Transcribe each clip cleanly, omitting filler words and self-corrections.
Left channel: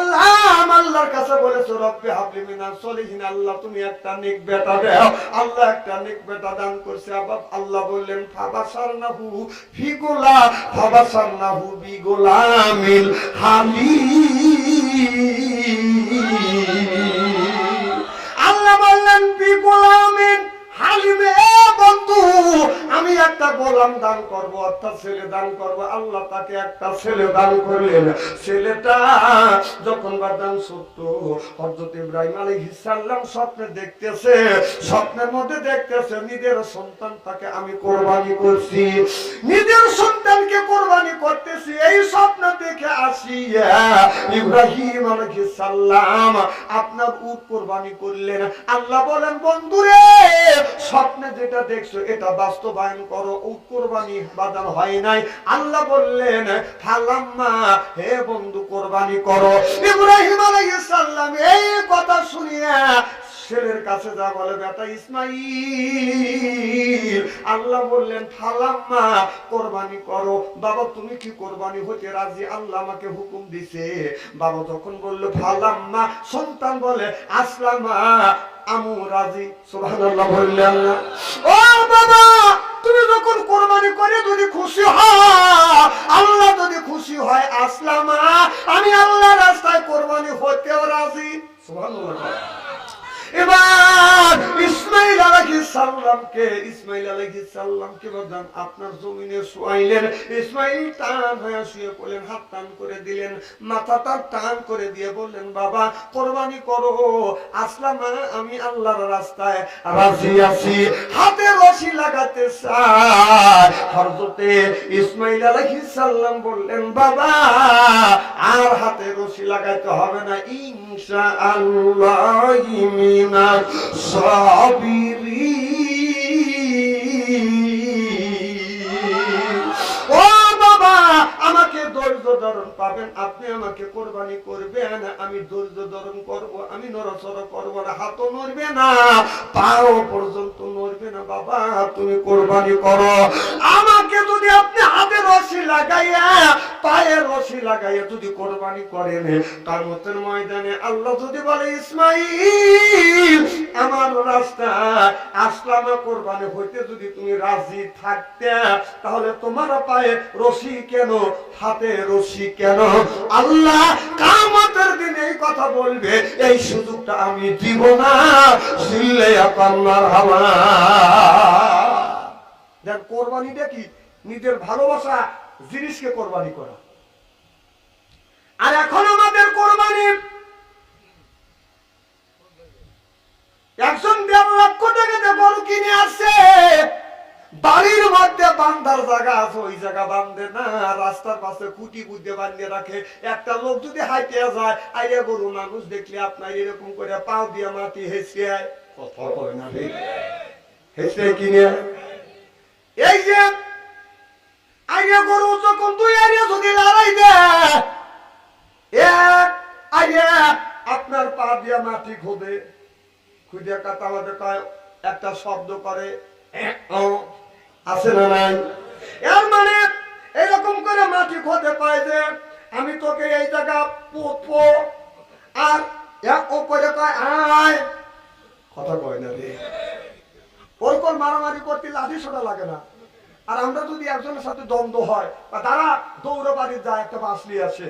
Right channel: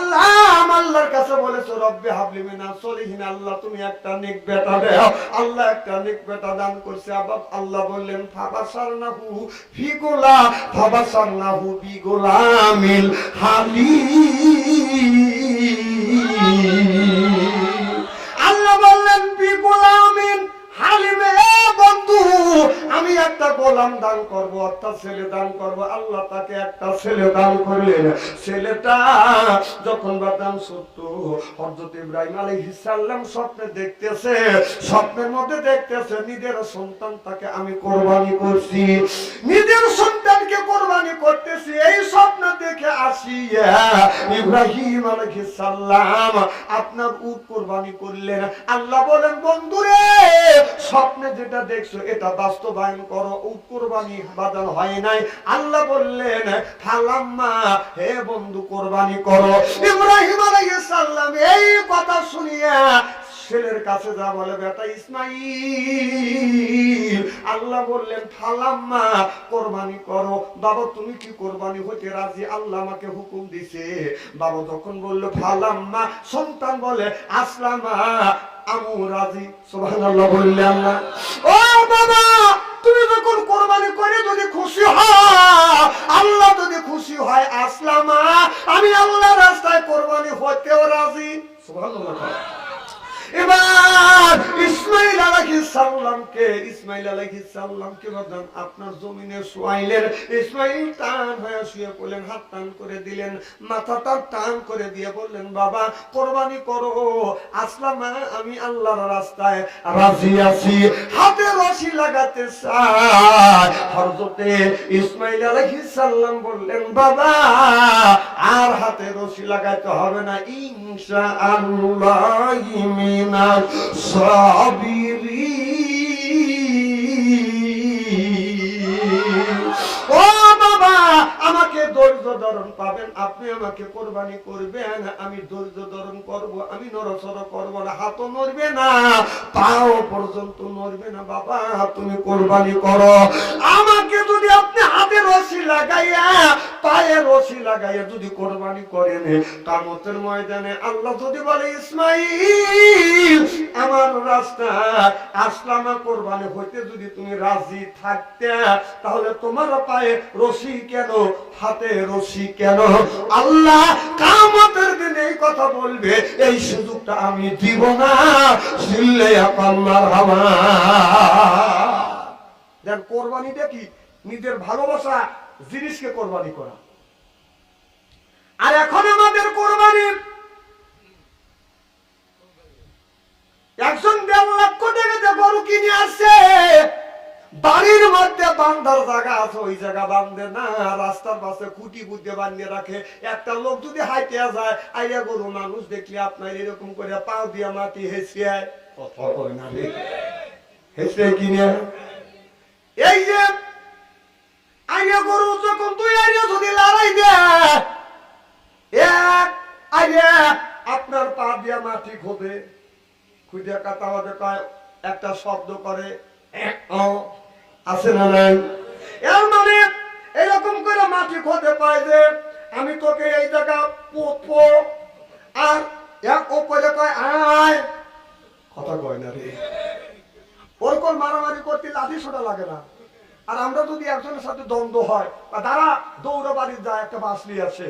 সাল্লাম আল্লাহর কাছে বলেছে রব্বি হাবলি মিনাস সলিহিন, আল্লাহ তুমি একটা নেক বেটা দাও। আল্লাহ একটা নেক বেটা দান করছে। আল্লাহ বললেন ফাবাসারনাহু বিগুলামিল হালিম। আল্লাহ বললেন বিগুলামিন হালিমে, বন্ধু আমি একটা গোলাম দান করব, অর্থাৎ ছেলে দান করব। আল্লাহ তাকে একটা ছেলে দান করলেন। ছেলেটা যখন বাদান সত্য, হযরত ইব্রাহিম আলাইহিস সালাম স্বপ্নে দেখতেছে, স্বপ্নের মধ্যে দেখতেছে নিজের সন্তানটাকে আমি কোরবানি করছি, নিজের সন্তানকে কোরবানি করতেছি। এই স্বপ্ন দেখে আসিয়া ইব্রাহিম আলাইহিস সালাম আপনার উট কোরবানি করলেন। আল্লাহ বলেন বন্ধুরে স্বপ্নে যেটা দেখছো এটা বাস্তবায়ন করো। উট কোরবানি বাজান হয় নাই। আল্লাহ বললেন ফালাম্মা, হে বন্ধু কোরবানি করো। ইব্রাহিম আলাইহিস সালাম এই কথা শুনিয়া ছেলের কাছে যা বলে বেটা ইসমাইল, আল্লাহ বললেন ফালাম্মা কোরবানি করো। বাবা তুমি কি কোরবানি হতে রাজি? আল্লাহ আমাকে হুকুম দিছে। বাবা যখন বলল ফালাম্মা, সন্তান বলে আসলামা আমু রাজি। সুবহানাল্লাহ বললেন না? ও বাবা তুমি যখন কোরবানি করে যদি খুশি হয়, আল্লাহ যদি খুশি হয়, আসলামা আমি আল্লাহর রাস্তায় কোরবানি হতেও রাজি। সুবহানাল্লাহ। এবার ইসমাইল আলাইহিস সালামকে বাদান আপনার জমিনে শুয়াইলেন। ইসমাইল টান হয়ে শুয়ে পড়লেন, হাত টান করে দিলেন, মাথাটা টান করে দিয়ে বললেন বাবা কোরবানি করো। আসলামা আমি আল্লাহর রাস্তায় রাজি আছি। হাতে রশি লাগাতে চায়। হযরতে ইসমাইল আলাইহিস সালাম বললেন বাবা আর হাতে রশি লাগাইতে হবে না, ইনশাআল্লাহ মিনাস সাবিরিন। ও বাবা আমাকে ধৈর্য ধারণ পাবেন, আপনি আমাকে কোরবানি করবেন, আমি ধৈর্য ধারণ করব, আমি নড়াচড়া করব না, হাতও নড়বে না, পাও পর্যন্ত নড়বে না। বাবা তুমি কোরবানি করো। আমাকে যদি আপনি হাতে রশি লাগাইয়া পায়ে রশি লাগাইয়া যদি কোরবানি করেন, কিয়ামতের ময়দানে আল্লাহ যদি বলে ইসমাইল আমার রাস্তা আসলামা কোরবানি হইতে যদি তুমি রাজি থাকতে, তাহলে তোমার পায়ে রশি কেন, হাতে রশি কেন? আল্লাহ কিয়ামতের দিনে এই কথা বলবে, এই সুযোগটা আমি দিব না। সিল্লে আল্লাহর হাওয়া। দেখ কোরবানিটা কি? নিজের ভালোবাসা জিনিসকে কোরবানি করা। আর এখন আমাদের কোরবানি একজন 1.5 লক্ষ টাকাতে গরু কিনে আসছে, বাড়ির মধ্যে বান্ধার জায়গা আছে, ওই জায়গা বান্ধে না, রাস্তার পাশে খুঁটি বুদ্ধে বাঁধিয়ে রাখে। একটা লোক যদি হাইতে যায়, আইরে গরু মানুষ দেখলে আপনার এরকম করে পাও দিয়ে মাটি হেসে কথা কয় না রে, হেসে কিনে এই যে আইরে গরু যখন তুই আইরে যদি লড়াই দে আইরে আপনার পা দিয়া মাটি খোদে, খুঁজে কাটা কয় একটা শব্দ করে আছে না নাই? এর মানে এরকম করে মাটি খোদে কয় যে আমি তোকে এই জায়গা পুতবো, আর ও করে কয় আয়, কথা কয় না রে। ওরকম মারামারি করতে লাঠি সোটা লাগে না। আর আমরা যদি একজনের সাথে দ্বন্দ্ব হয় বা তারা দৌড়ে বাড়ি যায়, একটা বাসলি আসে,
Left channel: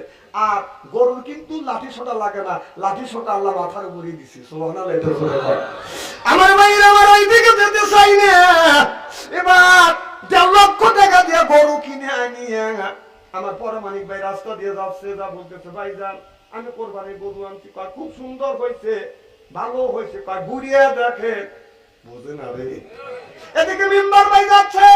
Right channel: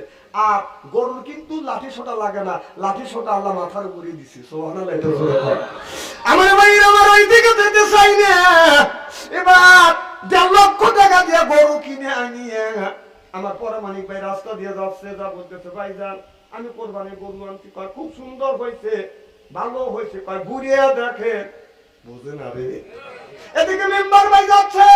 আর গরুর কিন্তু লাঠি সোটা লাগে না, লাঠি সোটা আল্লাহ মাথার উপরে দিছে। সুবহানাল্লাহ। আমার ভাইরা আমার ওই দিকে যেতে চাই না। এবার 1.5 লক্ষ টাকা দিয়ে গরু কিনে আনিয়ে আমার পরমাণিক ভাই রাস্তা দিয়ে যাচ্ছে, যা বলতেছে ভাই যান আমি কোরবানির গরু আনছি, কয় খুব সুন্দর হয়েছে, ভালো হয়েছে, কয় ঘুরিয়ে দেখেন, বুঝে না রে। এদিকে মেম্বার ভাই যাচ্ছে,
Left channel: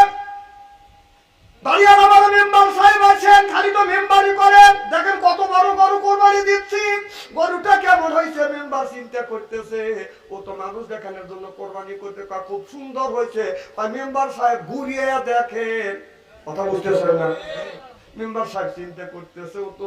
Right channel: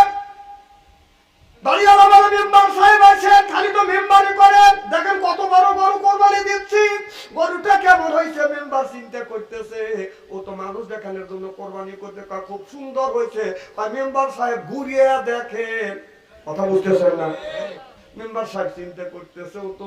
বাড়িওয়ালা বলে মেম্বার সাহেব আছেন, খালি তো মেম্বারই করেন, দেখেন কত বড় গরু কোরবানি দিচ্ছি, গরুটা কেমন হয়েছে। মেম্বার চিন্তা করতেছে ও তো মানুষ দেখানোর জন্য কোরবানি করতে, খুব সুন্দর হয়েছে। মেম্বার সাহেব ঘুরিয়ে দেখেন, কথা বুঝতেছেন না? মেম্বার সাহেব চিন্তা করতেছে ও তো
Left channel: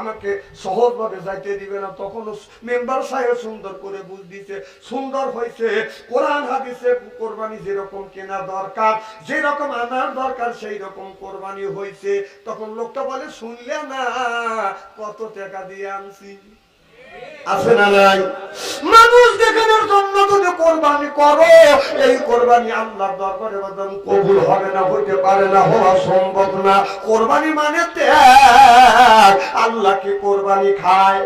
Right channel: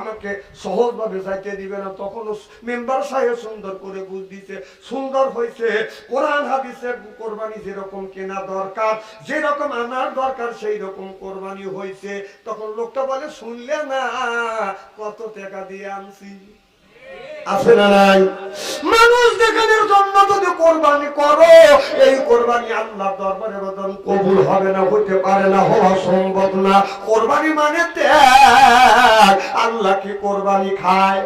আমাকে সহজভাবে যাইতে দিবে না। তখন মেম্বার সাহেব সুন্দর করে বুঝ দিছে, সুন্দর হয়েছে। কোরআন হাদিসে কোরবানি যেরকম কেনা দরকার, যেরকম আনার দরকার, সেই রকম কোরবানি হয়েছে। তখন লোকটা বলে, শুনলে না কত টাকা দিয়ে আনছি? আছে না নাই? মানুষ দেখানোর জন্য যদি কোরবানি করো, এই কোরবানি আল্লাহর দরবারে বদন কবুল হবে না, হতে পারে না, হওয়া সম্ভব না। কোরবানি মানে ত্যাগ। আল্লাহ কি কোরবানি খায়?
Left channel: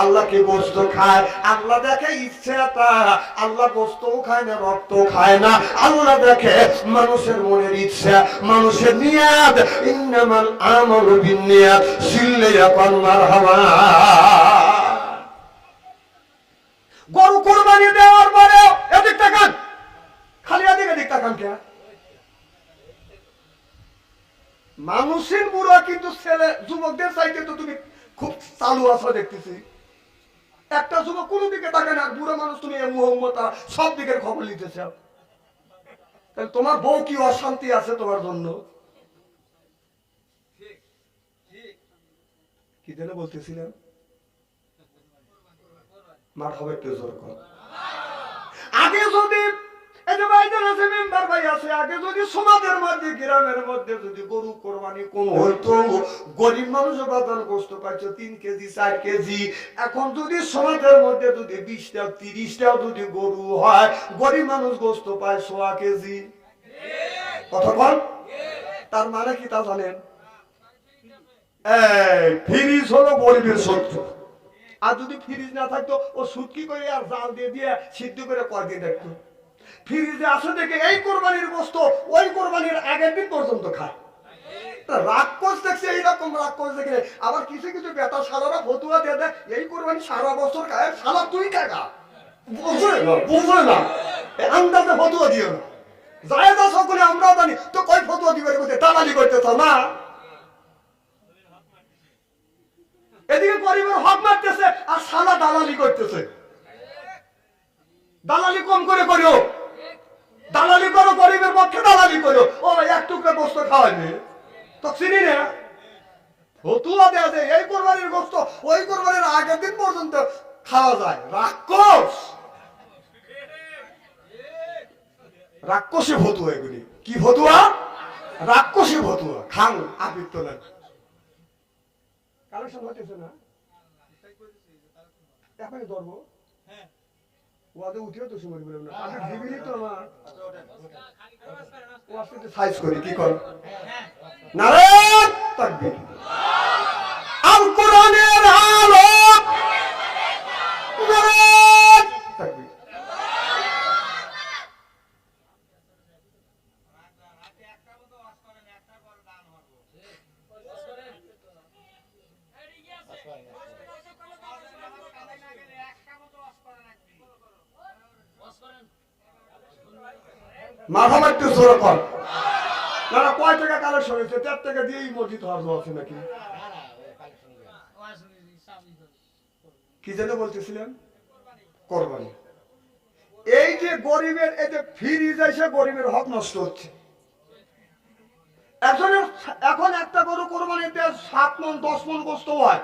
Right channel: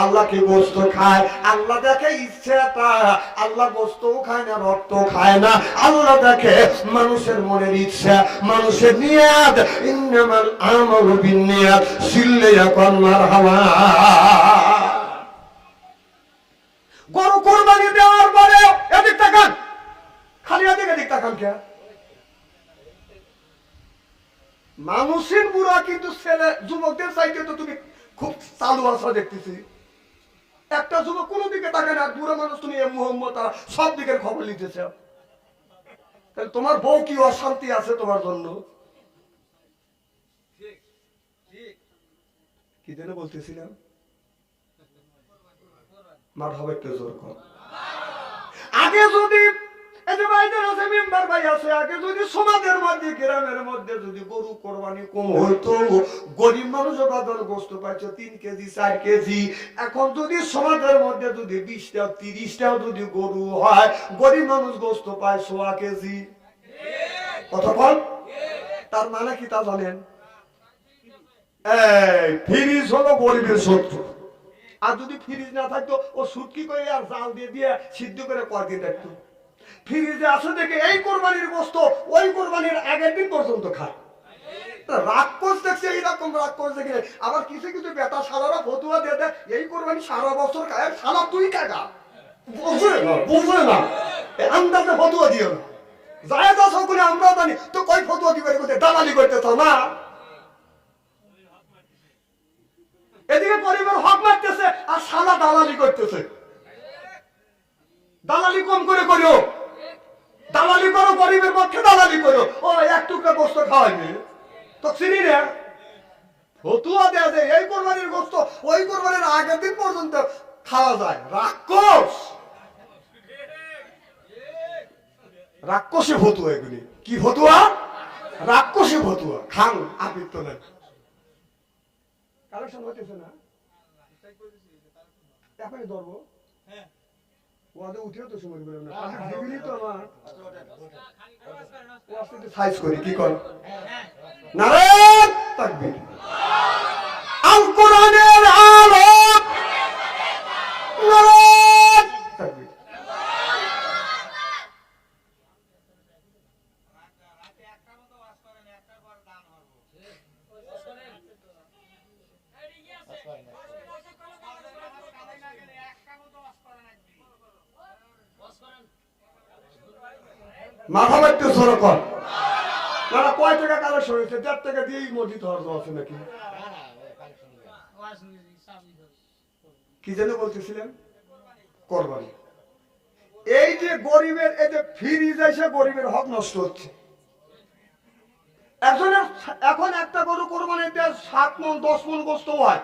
আল্লাহ কি গোস্ত খায়? আল্লাহ দেখে ইচ্ছেটা। আল্লাহ গোস্তও খায় না, রক্ত খায় না। আল্লাহ দেখে মানুষের মনের ইচ্ছা, মানুষের নিয়াত। ইন্নামাল আমালু বিন্নিয়াত, সিল্লে ইয়াকুন মারহামা। গরু কোরবানি দেওয়ার পরে এদিক তাকান, খালি এদিক তাকান কে? মানুষের বুড়া কিন্তু ছেলে যুবকদের চাইতে তো তুমি খুব চালু আছো দেখতেছি। একটা যুবক কোনো দিকে তাকে না, আর বুড়ো মানুষ তুমি মুহম্মদ সব দিকের খবর নিতেছে। তাহলে তোমার বউ কি অশান্তি আছে তোমার জন্য? কি যেন বলতেছিলাম? মার হবে একটু জোর কর। আগে যদি এই যে ভাইদের আছে, মেম্বার ভাই আছে, আগে যদি সমাজের মধ্যে, গ্রামের মধ্যে যদি গরু কোরবানি কম হইতো, গরিব মানুষ বাজার গোস্ত পাইছো 3 কেজি 4 কেজি। এখন যদি সমাজের মধ্যে যদি 20টা 30টা যদি গরু হয়, গরিব মানুষ গোস্ত পায় 100 কেজি। কতক্ষণ? তার মানে কি তা জানেন? এই ফ্রিজ হলো গরিবের শত্রু। আর যদি ফ্রিজ না থাকতো, ও সুটকি করে আর জাল দিয়ে দিয়ে সিদ্ধ করে কয়দিন রাখতো। ফ্রিজে আছে দেখে এই কোরবানির গোস্ত ওই কোরবানির আগের দিন পর্যন্ত খায়। রাক্ষস দেখছে, এইরকম রাক্ষস দেখে। আবার কিছু কিছু বেটা শালারা ফতুয়া দিয়ে দেয়, এই কোরবানি সারা বছর খায়, শালা তুই কাকা বুঝলে না, আন্দাজে ফতুয়া দিও না। যায় যা সকলে আমরা জানি তো, কই ফতুয়া দিবে দালালি করতেছ না। এদিকে গরিবের হক মারতেছে আর শালা দালালি করতেছে। দালালি কম করে করিও, দালালি করো গরিবের পক্ষে, দালালি করো। ও এক টুকরা গোস্ত খাওয়াইবে তো চিনি না। ফতুয়া দেয়া যায় এই কোরবানির গোস্ত ওই কোরবানির আগের দিন পর্যন্ত খাওয়া যায়। রাক্ষস, রাক্ষসী ফতুয়া এগুলি। কি ফতুয়া? রাক্ষসী ফতুয়া। খান আপিত তো নাই। কালেকশন হইতেছে না, এখনই ধরবো। ওয়াদে উঠিও তো সময় বললাম না, আপনি দিবিনি তো আমার ও আসতে সাইজ করি কি কর। নারায়ণ তাকবীর। আল কোরআনের আলো, নারায়ণ তাকবীর। মাথা মারতে জোর কর। না না, কয় টাকা কালেকশন হয়েছে? 1.5 টাকা দিয়েই মসজিদ হওয়ার আছে নাকি? কি যেন বলতেছিলেন? কোরবানি। এই যে গরিবের এই যে ফ্রিজ এসে গরিবের হক নষ্ট হচ্ছে। একজনের এখন একটা গরু কোরবানিতে 7 মণ 10 মণ গোস্ত হয়।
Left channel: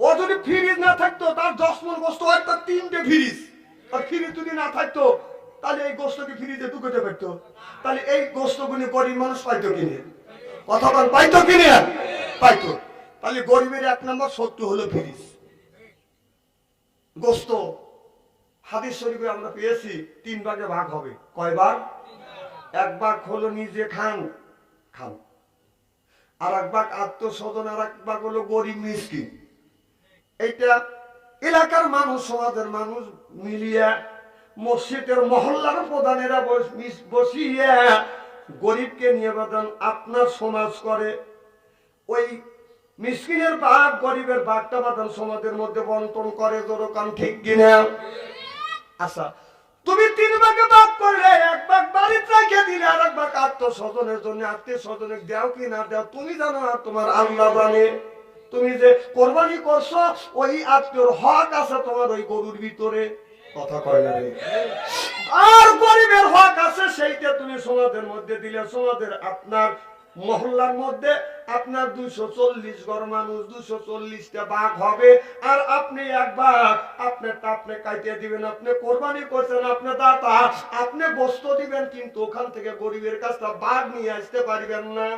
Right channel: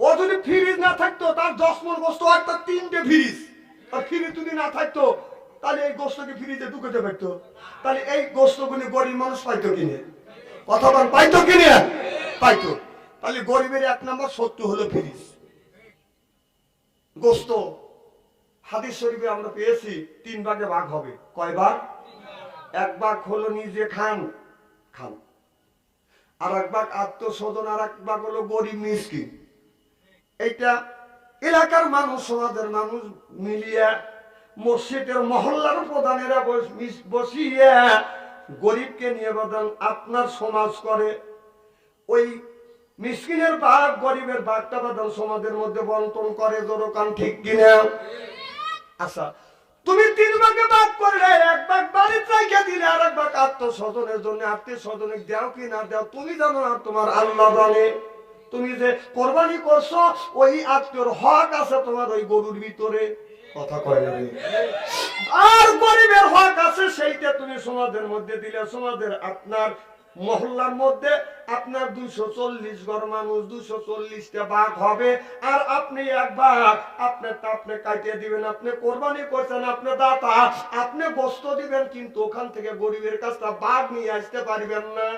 ও যদি ফ্রিজ না থাকতো, তার 10 মণ গোস্ত হয়, তার 3টে ফ্রিজ। আর ফ্রিজ যদি না থাকতো, তাহলে এই গোস্তকে ফ্রিজে ঢুকাতে পারতো। তাহলে এই গোস্তগুলি গরিব মানুষ পাইতো কিনে? কতক্ষণ পাইতো কিনে? পাইতো। তাহলে গরিবের 1 নম্বর শত্রু হলো ফ্রিজ। গোস্ত হাদিস শরীফে আমরা পেয়েছি 3 ভাগে ভাগ হবে। কয় ভাগ? 1 ভাগ হলো নিজে খান, খান। আর 1 ভাগ আত্মস্বজন, আর 1 ভাগ হলো গরিব মিসকিন। এইটা এলাকার মানুষ, সমাজের মানুষ মিলিয়ে, মসজিদের মহল্লার প্রধানেরা বসিয়ে গরিবকে নিয়ে বাদান আপনার সমাজ করে। ওই মিসকিনের ভাগ, গরিবের ভাগটা বাদান সমাজের মধ্যে বন্টন করে। জোরকান ঠিক কিনা? আচ্ছা, তুমি 3 ভাগে ভাগ করলে 1 ভাগ বাড়িতে রেখে দিলে, আর 1 ভাগ আত্মস্বজনের জন্য। আত্মীয় স্বজনে দাও কি না দাও তুমি জানো, আর তোমার আল্লাহ জানে। তুমি যে কোরবানি করছো, ওই আত্মীয়র হক আছে তোমার ওই গরুর ভিতরে। কথা কয় না রে? আর গরিবের হক আছে, সেইটা তুমি সমাজের মধ্যে দিলে। সমাজের আপনার মহল্লার মধ্যে আপনার 240 ঘর মানুষ, 240টা বাঘ হবে, আর আপনি এক বাঘ আপনি কাটিয়ে দিবেন। আপনি কোরবানি করছেন, আপনি দাতা, আপনি গোস্ত দিবেন, কিন্তু ওখান থেকে গরিবের কাছটা বাঘ নিয়ে আসতে পারবেন না।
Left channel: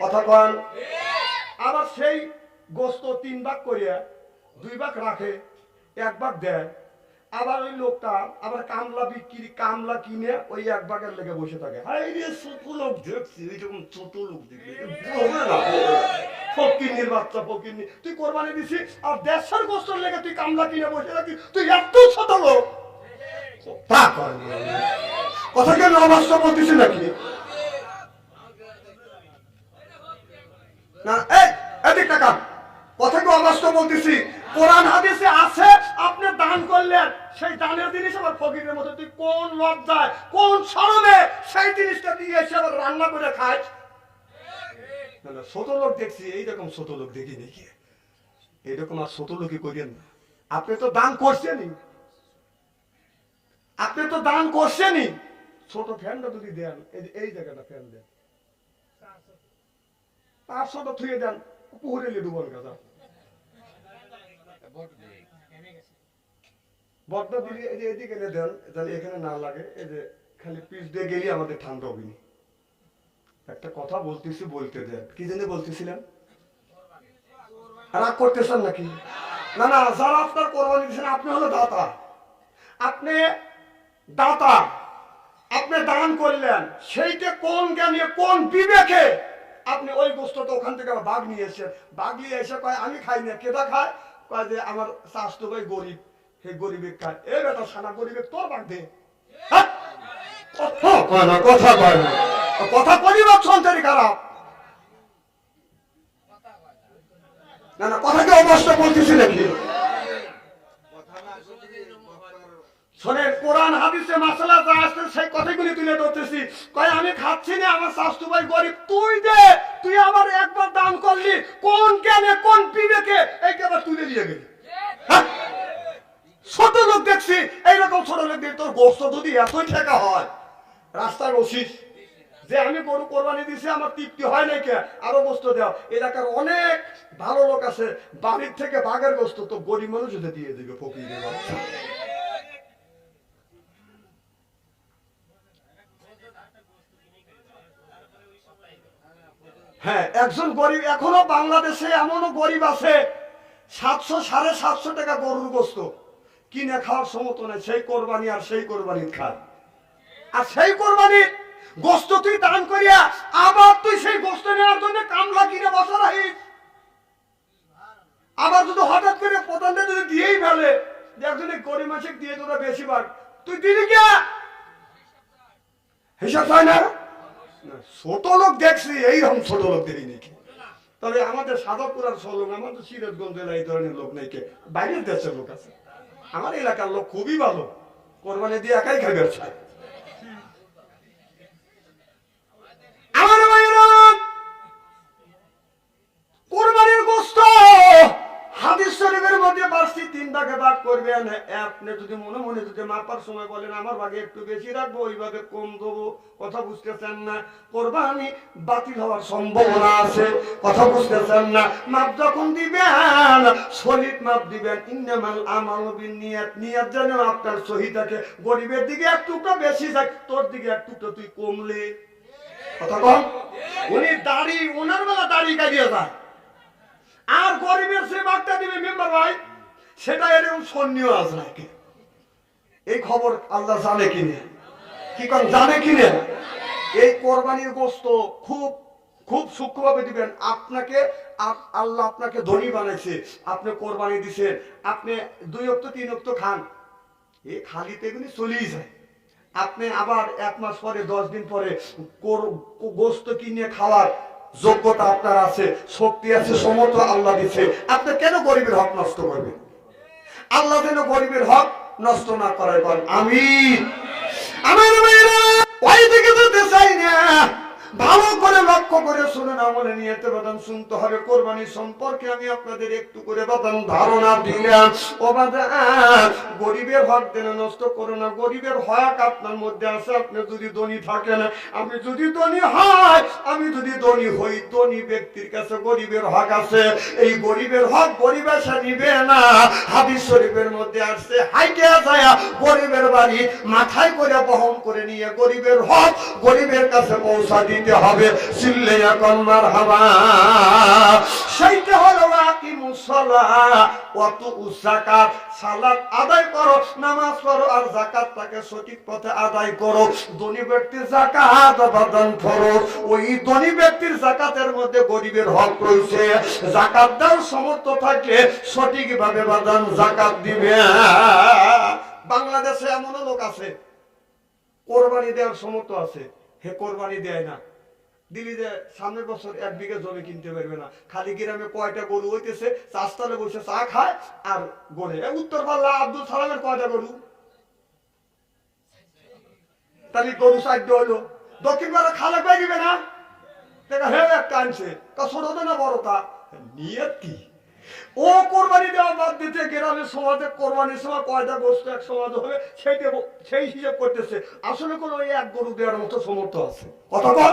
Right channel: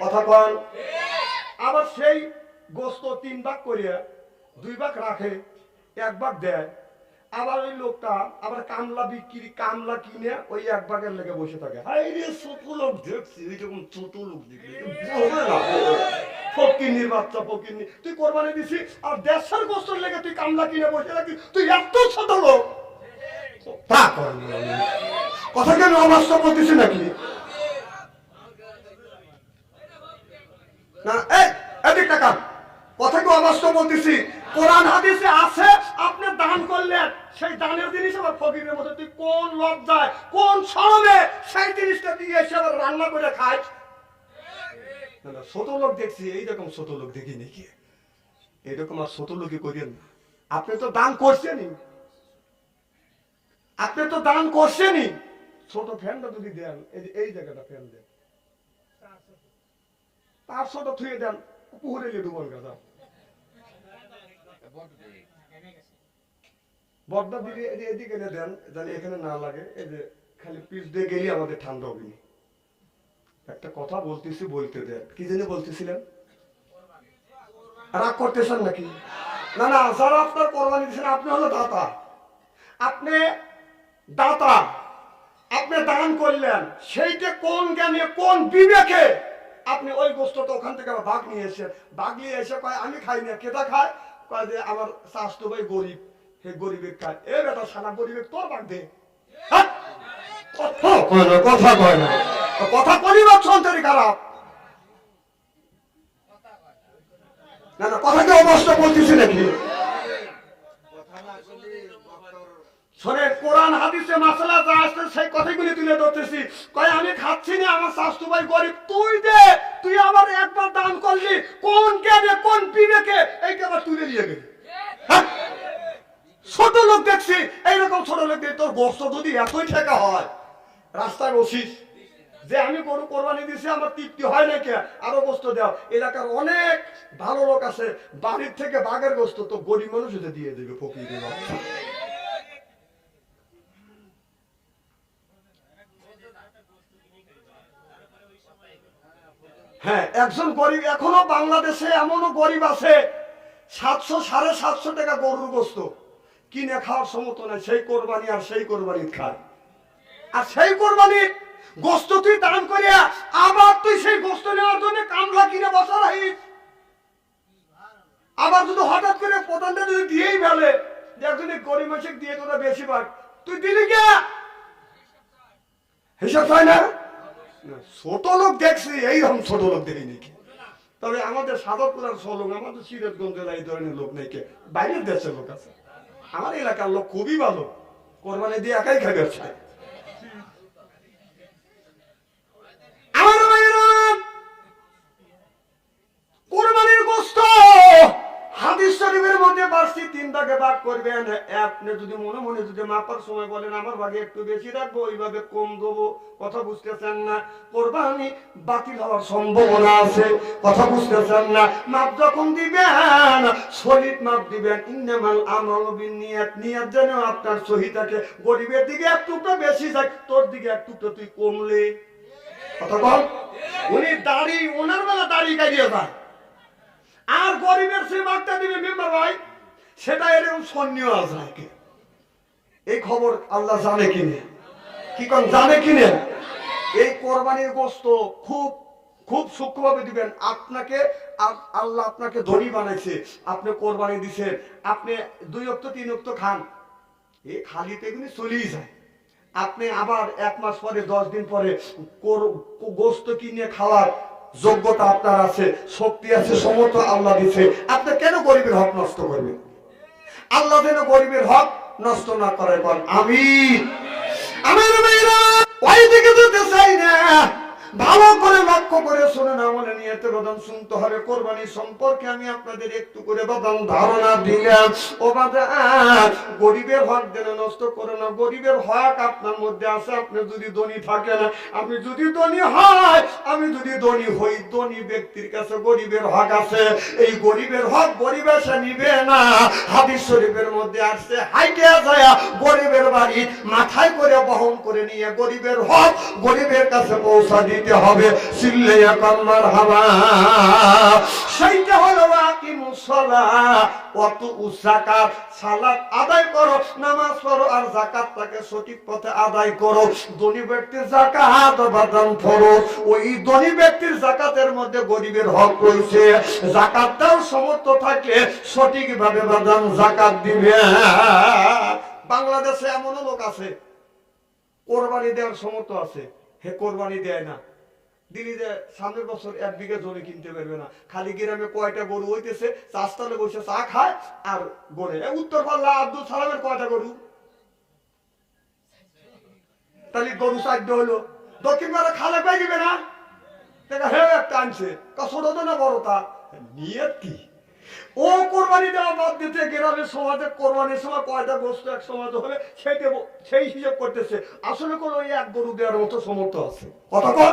কথা কন। আবার সেই গোস্ত 3 ভাগ করিয়া 2 ভাগ রাখে, 1 ভাগ দেয়। আবার ওই লোকটা আবার কামলা কিনে ওই 1 ভাগের লেগে বসে থাকে। হাই রে, ছোট লোক দেখছি, ওই রকম ছোট লোক দেখবি, ফকিন্নির বাচ্চা, ফকিন্নি। তুই কোরবানি দিছি আর 150 গোস্তের লেগে তুই কামলা কিনে বসে থাকি, তুই এত ছোট লোক। তা কর কথা কি আমি অবাস্তব বলতেছি নাকি? না, এই এদিক টাকা কথা কি অবাস্তব বলতেছি? কোরআন হাদিসে আছে, আপনি দান করলেন, সেই দানের জিনিস আবার ফকিরের মতো তুই কোন লজ্জায়, কোন শরমে সেই জিনিসটা দিয়ে এসে আবার রান্না করে খাস? না, ছোট লোক দেখছি, এইরকম ছোট লোক দেখি নাকি? এরকম আর ছোট লোকই করেন না। আপনি তো দান করছেনই, আপনি তো দান করছেনই। ছোট ফ্যানটা যদি দেন, এই জায়গাটা ফ্যান দেন, 500টা থুয়ে দেন, পুকুরে ডুবন গাছা বড্ডা দিলে এদিকে এনে দেন, তাহলে এখানে না লাগে। এই যে খালি পিস দিয়ে গেলে আমাদের ঠান্ডা হবে না। একটা কথা বলতেছি, বলতে দেন। কি জন্য বলতেছিলেন? রাগ করতেছেন নাকি? না না, যারা আপনার কোরবানি দিচ্ছেন, আপনি হলো দাতা, আপনি দাতা, আপনি দান করলেন, সেইটা কোন জ্ঞানে, কোন বিবেকে আপনি ওই গোস্তটা ওখান থেকে বাঘ নিয়ে এসেছেন? বাঘ নিয়ে এসে কয় আমি খাই না, কেটা খায়? কয় যে আমার স্বাস্থ্য ভাই গরিব, হে গরিবের খায়। এ বেটা সানা, গরিবের তোর বাঘ দে। কথা কয় না, কথা করিবার সন্তানি খারাপ। না না, কথা কি অবস্থা বলতেছি নাকি? শোনেন, কোরআন হাদিসে মাসালা যা আছে সেই কথাগুলি তুলে ধরতেছি। কয় আমি খাচ্ছি না, আমার স্বাস্থ্য ভাই গরিব, তুই দে। তুই আবার একবার দান করলি, কোন জ্ঞানে, কোন বিবেকে এইটা আবার তুলে নিয়ে গেলি? ছোট লোক দেখছি, এইরকম ছোট লোক দেখি। তোর গোস্ত যদি এতই ঠেকা হয়, রাস্তায় বসিস যে আমি গরু কোরবানি দিছি, আমার তৃপ্তি হয় নাই, কে আরো গোস্ত দাও। এলাকার অনেক ভালো লোক আছে, বাড়ির থেকে বাঘের গোস্ত তো গরিব মানুষ দিয়ে দেবে, ফকিরের বাচ্চা। হ্যাঁ, একজন গরিব, এখনো বাংলাদেশে এমনও গরিব আছে 700 750 টাকা গরুর গোস্ত কিনে খাওয়ার সমর্থ নাই। সেই কোরবানি আর সেই কোরবানি খায়, আর সেই কোরবানির গোস্ত তুই দান করিয়া আবার তুই সেই গোস্ত নেওয়ার জন্য কামলা কিনে বসা রাখিস। আবার যদি হঠাৎ করে প্রধানটা যদি দিয়েই ফেলে, যে একজনে গরিব মাসে দিয়ে তোরা বেশি ভাগ, তুই দিলি কে? হিসাব হয় না। ছোট লোক দেখছি, এইরকম ছোট লোক দেখি নাকি? তবে আমাদের সাদতপুর আর সলং, আমাদের সিরাজগঞ্জ জেলায় এই ধরনের লোক নেই। কে বাইরের দেশের লোক আছে, আমার এলাকার লোক খুবই ভালো, কোরবানি দিয়ে একাই খাবে। আমার ভাইয়েরা, কোরবানির গোশত হাদিস শরীফের মধ্যে বার্ষিক 3 ভাগে ভাগ করবেন। আপনি যদি মনে মনে যদি মাপার সময় বলেন আমার ভাগে একটু বেশি রাখবো, ওইভাবে কম দেবো, কথা বুঝতেছেন না? কোরবানি বাতিল হওয়ার সম্ভাবনা আছে, কথা বুঝতেছেন না? মাপ যখন দিবেন, সলিড মাপ দিবেন। ইন্নামাল আমালু বিন্নিয়াত, নিয়ত যেন আপনার সহি থাকে। গরিবের দিকে এক টুকরো বেশি যায়, তোর দিকে এক টুকরো তুই কমলে, কথা কম। উনি দাড়ি, ওনার বেলা দাড়ি কাটিয়ে যায়, আর গরিবের সে ভাগটা দিবে মেম্বার ভাই, সেটা এরকম সন্নিও আছে নাকি? এই খবর আল্লাহ জানে কিনে, কি কোন জানে কিনে? এই কোরবানির গোশত খুব খুব সূক্ষ্মভাবে দিবেন। আপনাকে আল্লাহ আপনাকে ধনী বানাইছে, আপনি কোরবানি দিছেন, আপনি 2 ওয়াক্ত 3 ওয়াক্ত খান, এই খালিতে এগুলি চলেই যায়। আপনি আবার 1 মাস পরে 10 দিন পরে গোশত কিনে খাওয়ার যোগ্যতা আপনার আছে, শক্তি আছে, সমর্থ আল্লাহ দিচ্ছে। আপনি কেন গরিবের হক নষ্ট করবেন? আল্লাহ যেন গরিবের হক নষ্ট না করায়। আমিন। আমার ভাইরা, ওই দিকে যেতে চাই না, ভালো করে লক্ষ্য করে শুনুন, আমলে নিয়তে বাদান শুনতে হবে। কোরবানি সম্পর্কে আমি আপনাদের একটু করে বাদান ধারণা দিলাম। ও বাদান, গরিবের হক যেন নষ্ট করো না। গরিবের হক আপনার মধ্যে আছে। আপনি যদি ধনী থাকেন, আমি যদি ধনী হয়, আমি যদি ধনী হই, ধনী ব্যক্তির কাছে গরিবের হক আছে। এই গরিবের হক গরিব এসে নিবে না। হাদিস শরীফের মধ্যে আসছে, হাইটে যায় গরিবের বাড়ি মাথায় করে বহন করে নিয়ে গরিবের হক গরিবের কাছে পৌঁছা দিতে হবে। চিল্লে এখন মারহাবা। সেইটা হলো আকিমুস সালাহ ওয়া তু'উজ যাকাত। সালাত আদায় করো, নামাজ পড়ো, আর যাকাতটাকে সঠিক পথে আদায় করো। ধনী ব্যক্তির যাকাত বাদান ফরজ। ওই ধনী ব্যক্তির যাকাতের মধ্যে গরিবের হক রয়েছে। যাকাত দাও সমর্থ থাকলে সঠিকভাবে বাদান যাকাত দিবে। বাংলাদেশে এমনও লোক আছে কোরবানি দেওয়ার সমর্থ আছে, হে কোরবানি দেয় না। দিল্লি যে সামনের বছর 1 বিঘা জমি কিনতে পারবে না। খালি গ্রামে কয়টা গরু হইতেছে, চাষতলে বসে চা খায় আর গড়ে। উত্তর পাল্লা আব্দুল সালামের কয়টা গরু? তাহলে গরু 4 হলো। দক্ষিণ পাড়া খালে পাই দিবে না, দেখা হে একটা আনছে, ছোট তো না বড়, তা নিয়ত কি? ও কোরবানি দেওয়া বাদ দিতে গ্রামের সমাজে কোরবানির সময় কয়টা গোস্ত এক সমাজ হবে সেই হিসাব করতেছে। আসলে কোনো ওই 1 গরু দেওয়ার মতো সমর্থ আছে? কথা কর,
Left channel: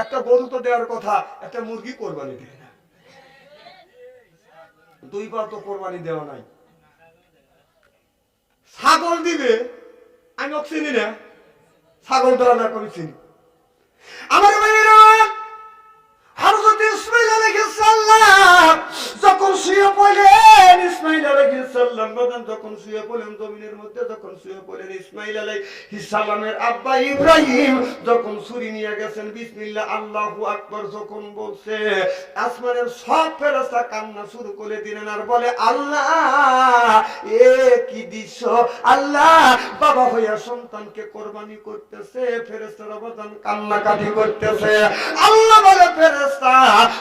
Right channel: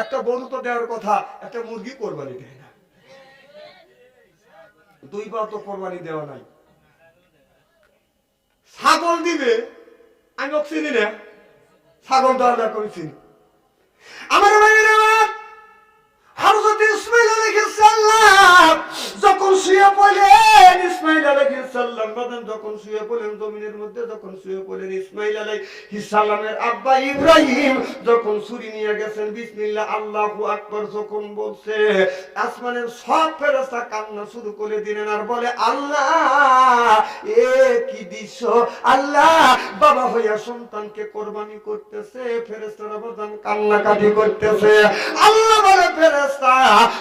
একটা গরু তো দেওয়ার কথা, একটা মুরগি কোরবানি দেয় না। 2 বার তো কোরবানি দেওয়া নাই। ছাগল দিবে, আমি ওকে চিনি না। ছাগল দেওয়া না আমি চিনি। আমার ভাইয়েরা, হযরত ইসমাঈল আলাইহিস সালাম যখন শুয়ে পড়লেন, ইসমাঈল আলাইহিস সালাম যখন শুয়ে পড়লেন, জমিনের মধ্যে যখন শুয়ে পড়লেন, ইসমাঈল আলাইহিস সালামের আব্বা ইব্রাহিম যখন ছুরি নিয়ে গেছেন, বিসমিল্লাহ আল্লাহু আকবার যখন বলছে, আসমানের সব ফেরেশতা কান্না শুরু করে দিলেন আর বলে, আল্লাহ এ কি দৃশ্য! আল্লাহ বাবা হইয়া সন্তানকে কোরবানি করতেছে, ফেরেশতারা বাদান কান্নাকাটি করতেছে। আল্লাহ বলে, ফেরেশতা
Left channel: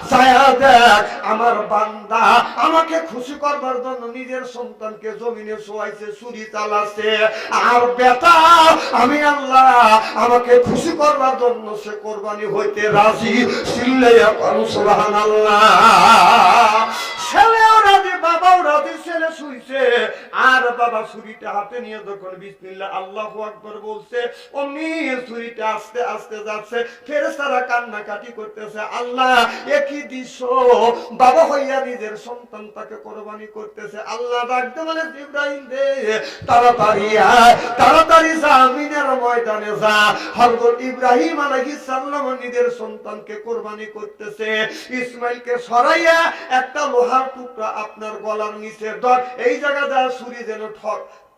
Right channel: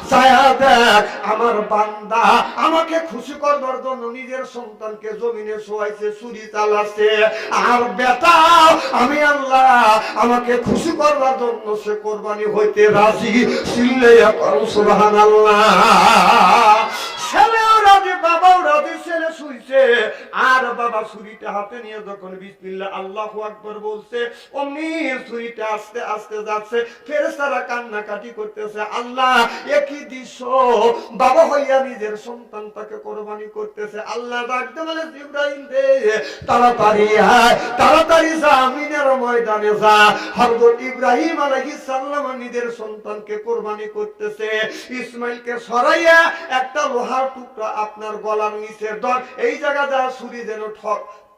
ছায়া দেখ, আমার বান্দা আমাকে খুশি করবার জন্য নিজের সন্তানকে জমিনে শোয়াইছে, ছুরি চালাচ্ছে। আর বেটা আমি আল্লাহ আমাকে খুশি করবার জন্য সে কোরবানি হইতে রাজি। চিল্লাইয়া করুন সুবহানাল্লাহ। ছেলেও রাজি, বাবাও রাজি। ছেলে শুইছে আর বাবা ছুরিটা হাতে নিয়ে যখন বিসমিল্লাহ আল্লাহু আকবার বলছে, অমনি ছুরিটা আস্তে আস্তে যাচ্ছে। ফেরেশতারা কান্নাকাটি করতেছে, আল্লাহ একই দৃশ্য! বাবা হইয়া নিজের সন্তানটাকে কোরবানি করতেছে। আল্লাহ ডাকতে বলে, ইব্রাহিম রে, তাড়াতাড়ি আয়, তাড়াতাড়ি যা, মিনার ময়দানে যা। হযরত ইব্রাহিম আলাইহিস সালাম নিজের সন্তানকে কোরবানি করতেছে। ইসমাইলকে সরাইয়া একটা লোহার টুকরা আপনার গলার নিচে ধর, এই জায়গা যা ছুরি যেন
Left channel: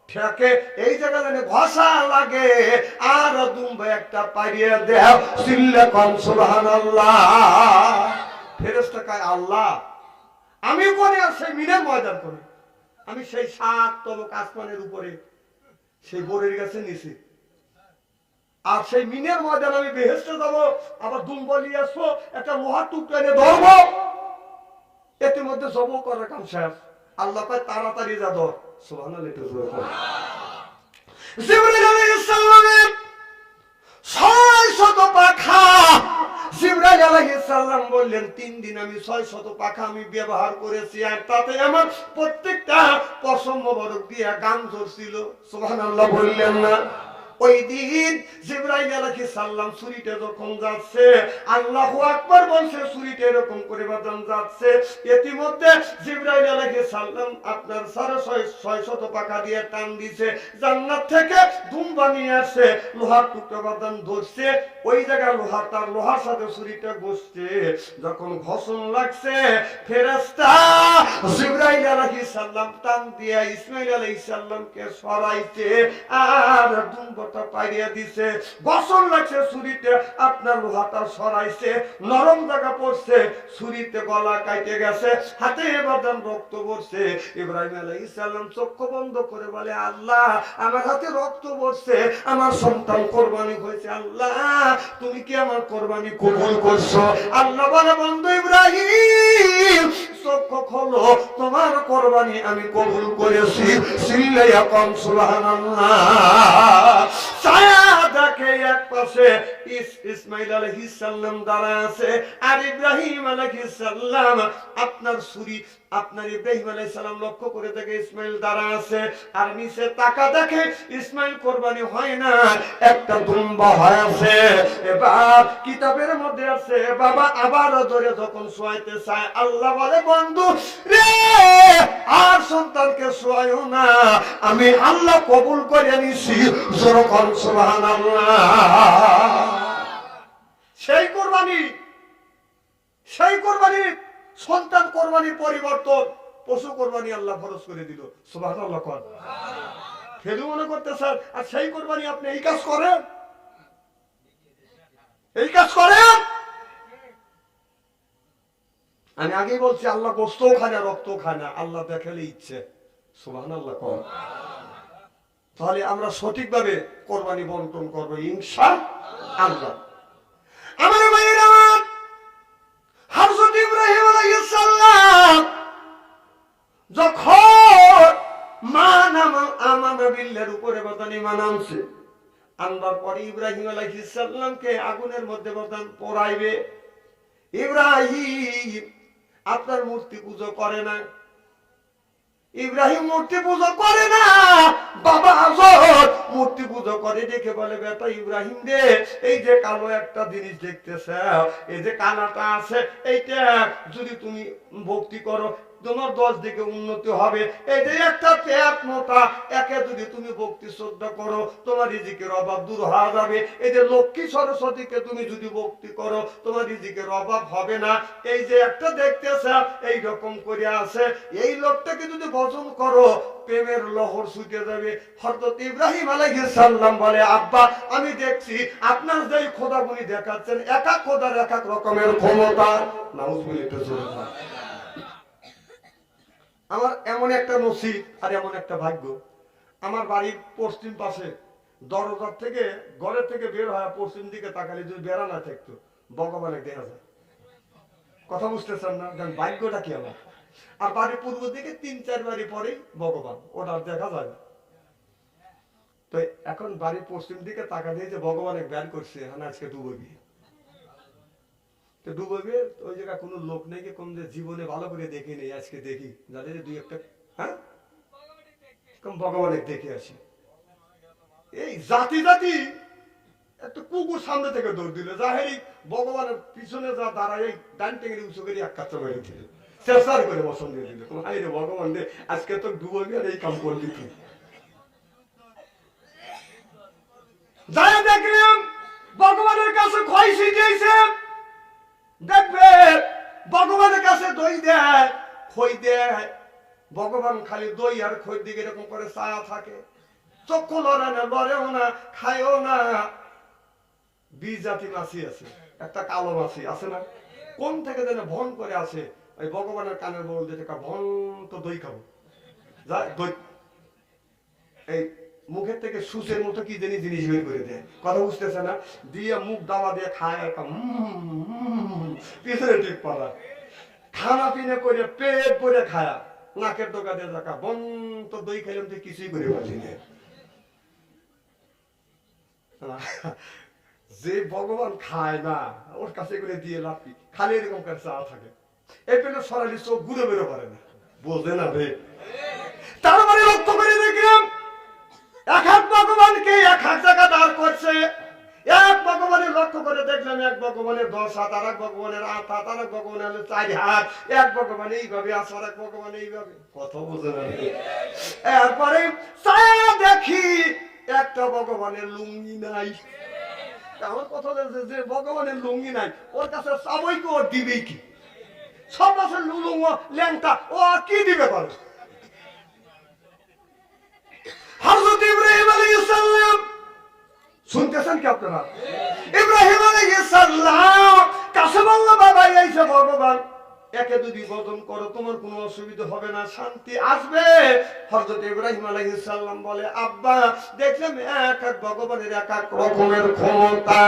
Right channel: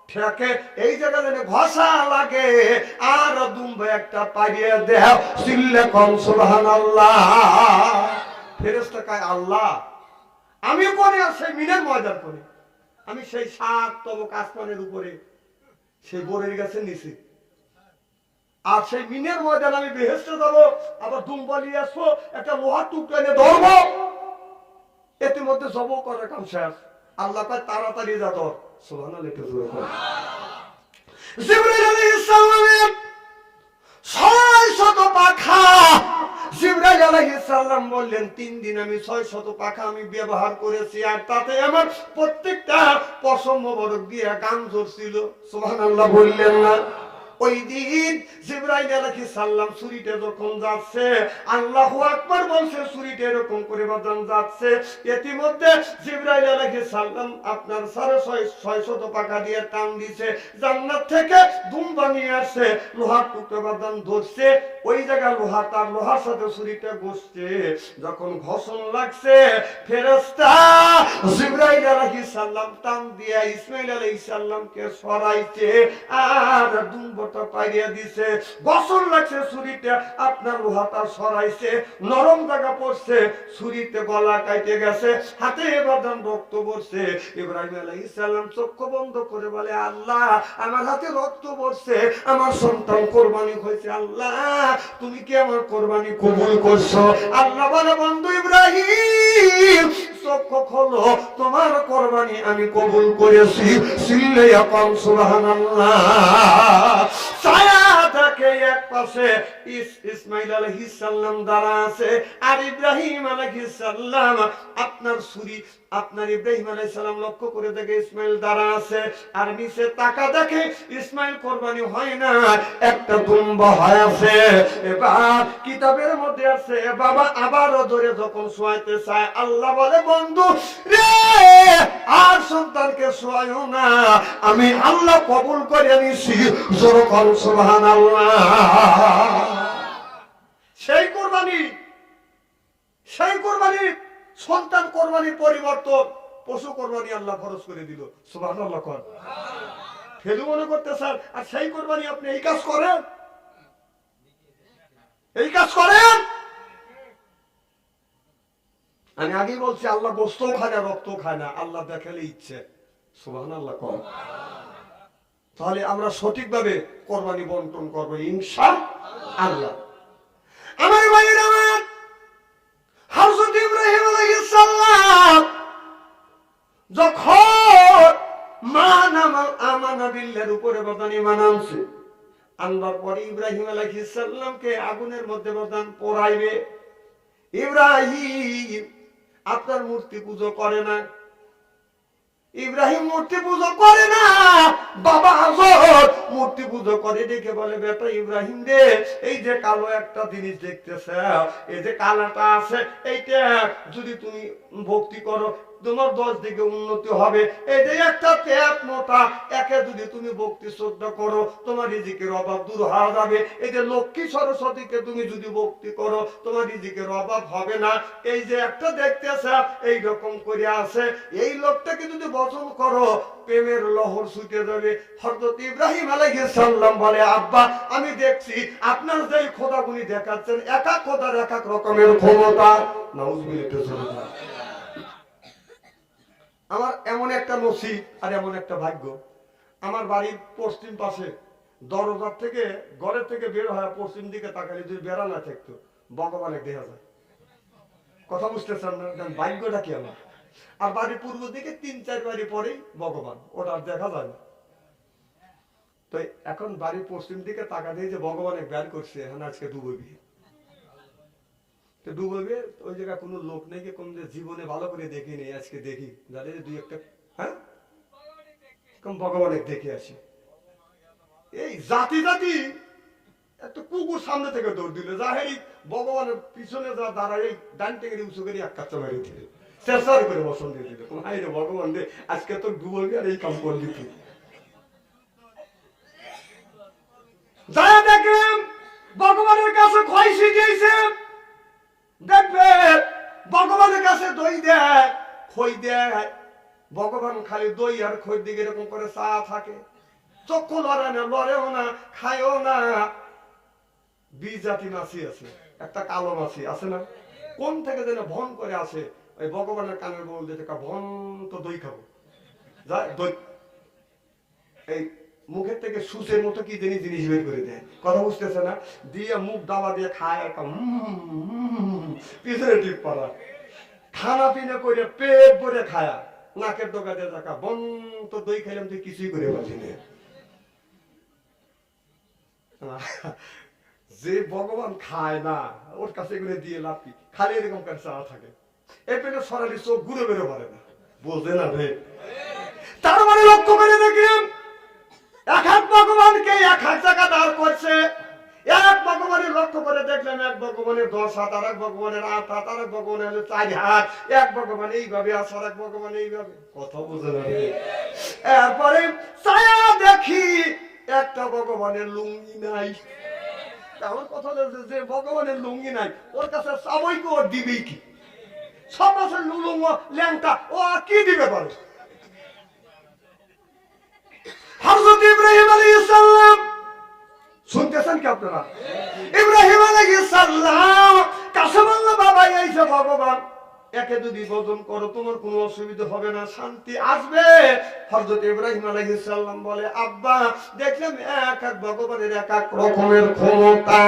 ঠেকে, এই জায়গা যেন ঘষা লাগে, আর দুম্বা একটা পাইয়ে দেও। চিল্লা কম সুবহানাল্লাহ। ফেরেশতা কয়, আল্লাহ আমি কোনে? সেই মিনার ময়দান কোনে? আমি সেই 7 তবক আসমানের উপরে, সেই বরের গাছের নিচে। আর সেই মিনের ময়দান আমি বেহেশতে যাবো, আবার দুম্বা নিয়ে আসবো, একটা লোহার টুকরা এনে ধরবো, এতে মধ্যে জব করার কাম শেষ। আল্লাহ কয়, তাড়াতাড়ি যা ধর। সুবহানাল্লাহ। জিবরাইল আলাইহিস সালামের 600 পাখা। জিবরাইল আলাইহিস সালাম বললেন, 3 দিন আমি 600 পাখা আমি ব্যবহার করেছি, আর তাতে আমার প্রত্যেকটা পশম মোবারক দিয়ে গাম ঝরছিল। সুবহানাল্লাহ বললেন না? ওই দিন জিবরাইল আলাইহিস সালাম ছুরিটা যখন যাচ্ছে, আল্লাহু আকবার বলছে, ছুরিটা এরকম করে বাজান যাচ্ছে। ইতিমধ্যে জিবরাইল আলাইহিস সালাম আপনার 650 পাকা দিয়ে টান দিছে, জান্নাত থেকে দুম্বা নিয়ে আসছে, লোহার টুকরা বাজান ধরছে। ওই জায়গায় লোহার সাথে ছুরিটা ঘষছে। যখন ঘষণ লাগছে, ফেরেশতা জিবরাইল আলাইহিস সালাম টান দিয়ে ইসমাঈল আলাইহিস সালামকে সরাইছে আর দুম্বাটা পাইয়া দিছে। ঘষণ লাগছে, ছুরিতে আপনার লোহাটা সরাইছে, নরম জায়গা পড়ছে, ছুরিতে গলা কাটে গেছে, হাতে বাদান রক্ত পড়ছে। ইব্রাহিম আলাইহিস সালাম চক্ষু বন্ধ করে বলে, আল্লাহ আমার হাতে রক্ত পড়ছে, আমার সন্তান কোরবানি হয়েছে, আল্লাহ তুমি কি আমার কোরবানি কবুল করছো? আল্লাহ বলে, বন্ধু ইব্রাহিম চক্ষু খোলো, তোমার কোরবানি আমি কবুল করেছি। চিল্লাইয়া কম সুবহানাল্লাহ। ছায়া দেখে এক পাশে ইসমাইল আলাইহিস সালাম দাঁড়া আছে, আর ইব্রাহিম আলাইহিস সালাম আপনার ছুরি আপনার ইব্রাহিম আলাইহিস সালাম লক্ষ্য করে দেখে ইসমাইল দাঁড়া আছে, আর নিচে তাকা দেখে ইসমাইল কোরবানি হয় না, একটা দুম্বা হয় আছে। এবার কিতাবের মধ্যে আছে বাবা আবারও ধরে যখন শোয়াইতে চায়, আল্লাহ বলে বন্ধু রে আর সন্তানকে শোয়াইও না, আমি আল্লাহ কবুল করে নিছি। যখন সুবহানাল্লাহ। সেই কোরবানি সন্তান কোরবানির পরিবর্তন পশু কোরবানি আল্লাহ ফরজ করে দিল। সুবহানাল্লাহ। কর ফেলু মনে করতে স্যার, আর সেই কোরবানি আপনি এই কাজ করেন, আমি আগেই বলছি আল্লাহ গোস্তও খায় না, রক্তও খায় না, আল্লাহ দেখালে ইচ্ছে। সুবহানাল্লাহ। কর তাহলে আমরা সঠিকভাবে কোরবানি বন্টন করবো ইনশাআল্লাহ। আমার ভাইয়েরা, হযরত ইব্রাহিম আলাইহিস সালাম যখন আমানা বিল্লাহর উপরে বদান ঈমান আনছে, আনবার পরে ইব্রাহিম আলাইহিস সালামকে আগুনের মধ্যে বদান পোড়াইবে। ইব্রাহিম আপনার মূর্তি পূজা করে না, ইব্রাহিম মূর্তি পূজা করে না, বাবা আজর মূর্তি পূজা করে। দেখে বলে বেটা ইব্রাহিম রে, এই যে কালো একটা জিনিস দেখতেছ, এই যে কালাটা আছে, এইটা যদি তুমি ভক্তি করো তোমার 10 দিকে উন্নতি হবে। এই যে একটা পেট মোটা, একে যদি তুমি ভক্তি শ্রদ্ধা করো তোমার রিজিকের অভাব দূর হয়ে যাবে। এই যে লক্ষ্মী সরস্বতীকে তুমি যদি ভক্তি করো তোমার রিজিকের অভাব হবে না। এই যে একটা দেখতেছ এই রকম করে আছে, এই লোকটাকে যদি ভজন করো প্রেমের লহর ছুটে যাবে। হযরত ইব্রাহিম আলাইহিস সালাম বলে আব্বা আমি দেখছি আপনার যেই খোদাগুনি দেখাচ্ছেন, এক এক খোদার এক এক রকমের ক্ষমতা। নাউজুবিল্লাহ। আমার এমন একটা নসিব আর এমন একটা ভাগ্য, আমার বাড়ির পশ্চিম পাশে দরজার থেকে ঘরের থেকে বের হয় পশ্চিম দিকে তাকালে যদি বেড়া না থাকতো ভগবানের দেখা যায়। কথা বুঝতেছেন না? ভাগ্যটা কি আমার। আর বাড়ির পূর্ব দিকে 3-4 বাড়ি পরেই ভগবান, ওটা আর দেখা যায় না। তো এখন বাড়ির পশ্চিম দিকে তাকা দিয়ে যে ভগবানের বের করছে, হ্যাঁ আজকে ডুববি, তো ডুববে ওই জায়গায় কোনো লোক নেই কি কম যে জীবনে ভালো করে দেখি নেই, আজকে দেখি যাদের 2-1টা হ্যাঁ কম ভগবানের দেখে আসি। এই জাতি একটা কুকুর সামনে থেকে দৌড় দিল, যাহেরি ভগবানের পিছনে যা দাঁড়ায় এই ডান টেঙ্গি উঁচু করে এক কাচ্চা মেরে দিল, চেষ্টার করে বসন দিয়ে দিল। হাই রে ভগবান রে, আজকে তো ডুববি আর এই কাম করলি তুই। যা দেখলাম ভগবানের কাছে ক্ষয় শিখিয়েছে, দেখবে ভগবানের কাছে দই দেয় খই দেয়, ভগবান খালি দই আর খই দিকে এরকম করে চা থাকে, চক্ষু লড়ে না, লড়েও না, খায়ও না। বিজাতি মাছি আছে, একটা কালো মাছি আছে না, কোন থেকে যেন ভন করে আসে, ওই ভগবানের কানের বল দিতে ভন তো দই খাবো, যা দই এই মুখের থেকে সুচের মতো কি জিনিস বের করে দেয়। কথা বুঝতেছে না? দিয়ে মুখ দাবা দিয়ে খায়, পিছনে টিপ পড়া, খানা পিনা করে পেট ভরে খায়া, নাকের ডোকা দিয়ে দেখা বন তো দই খাইলাম তুই কিছুই করে পারলি না। যে ভগবান খায় না ওর কাছে এগুলো দিয়ে লাভ কি, খালি এরকম করে চা থাকে, এই পেলে সরালি চোখ ঘুরে বেরো পারে না, বোঝে না রে। তার মানে লক্ষ্য করে দেখলাম এক এক ভগবানকে এক এক জায়গা দাঁড় করছে। এক ভগবানের লক্ষ্য করে দেখলাম এক ভগবানের 10 হাত, আর এক ভগবানের 8 হাত, আর এক ভগবানের 4 হাত, এক ভগবান এইভাবে আছে আর এক ভগবান এইভাবে। কথা বুঝে না? এরপরে ছায়া দেখি একটা ভগবানের লুঙ্গি নাই। আমার কথা হলো যে ভগবানের লুঙ্গি নাই, ওর কাছে চাবই কি, ওর দিবেই কি? সব মাসের লুলুঙ্গ ল্যাংটা, ও আর কি দিবে পারে? হযরত ইব্রাহিম আলাইহিস সালাম শুনতেছেন কি আপনারা? ইব্রাহিম আলাইহিস সালাম কাছে বলল বাবা এই যে ভগবান একে যদি বদন করো তোমার কোনো অসুবিধা হবে না, শান্তি আসবে। হযরত ইব্রাহিম আলাইহিস সালাম বলে, আব্বা দেখলাম এক এক ভগবানের এক এক রকমের ক্ষমতা।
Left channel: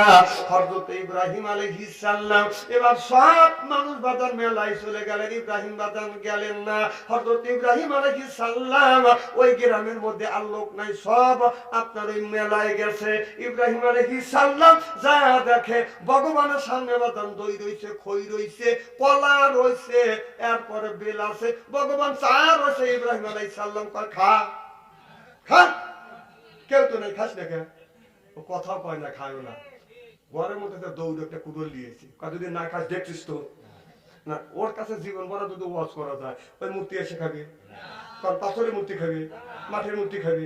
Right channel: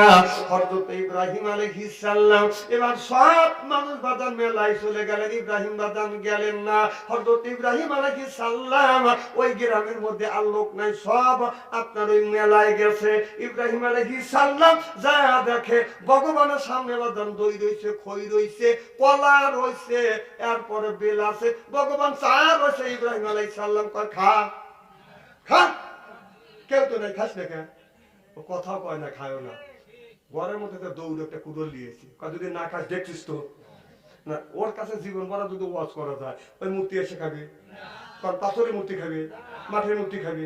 হযরত ইব্রাহিম আলাইহিস সালাম এবার সব মানুষ বাদান মেলায় চলে গেলেন, ইব্রাহিম বাদান গেলেন না। হযরত ইব্রাহিম আলাইহিস সালাম ওই গ্রামের মধ্যে আর লোক নাই, সব আপনার ওই মেলায় গেছে। ইব্রাহিম আলাইহিস সালাম যা দেখে ভগবানের সামনে বাদান দই রইছে, খই রইছে, কলা রইছে, এরপরে বেল আছে, ভগবান চা রয়েছে। ইব্রাহিম আলাইহিস সালাম কয়, খা খা। কেউ তো নাই, খাস না কেন? ও কথাও কয় না, খায়ও না। ঘরের মধ্যে তো দৌড় একটা কুড়োল দিয়েছি, যদি না খাস দেখছিস তো না। ওর কাছে জীবন ভরা যদি ওয়াজ করা যায়, ওই মূর্তি এসে খাবি, কারণ পাথরের মূর্তি খাবি, মাঠের মূর্তি খাবি।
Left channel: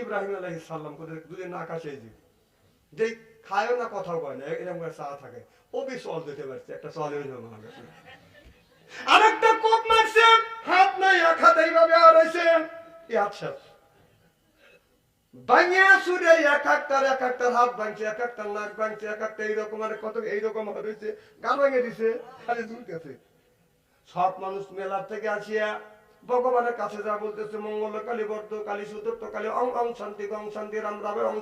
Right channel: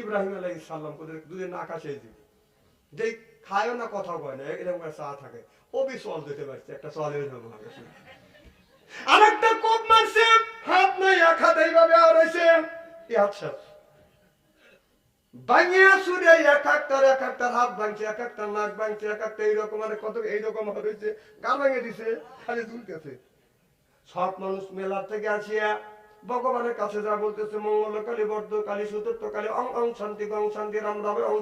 ইব্রাহিম আলাইহিস সালাম যদি না খাসে যেই খায়ও না, কথাও কয় না, এরকম করে চা থাকে। ও বি চল দিতে পারছে, একটা চলের জন্য গেছে, আর একটা কোপ মারছে, হাত নাই, এক হাত এইভাবে আর হয়েছে। আচ্ছা ভাঙিয়া সুরে এক একটার হাত ভাঙছে, এক একটার নাক ভাঙছে, এক একটা এইরকম, আর কত এইরকম হয়েছে, গান ভেঙে দিছে, খালি ঝুলতেছে। সব মানুষ মেলার থেকে আসিয়া ভগবানের কাছে যা বলতেছে, মঙ্গলকালী বর্ধকালী সুতর্তকালী অং অং শান্তি গং শান্তি রাম রাবে অং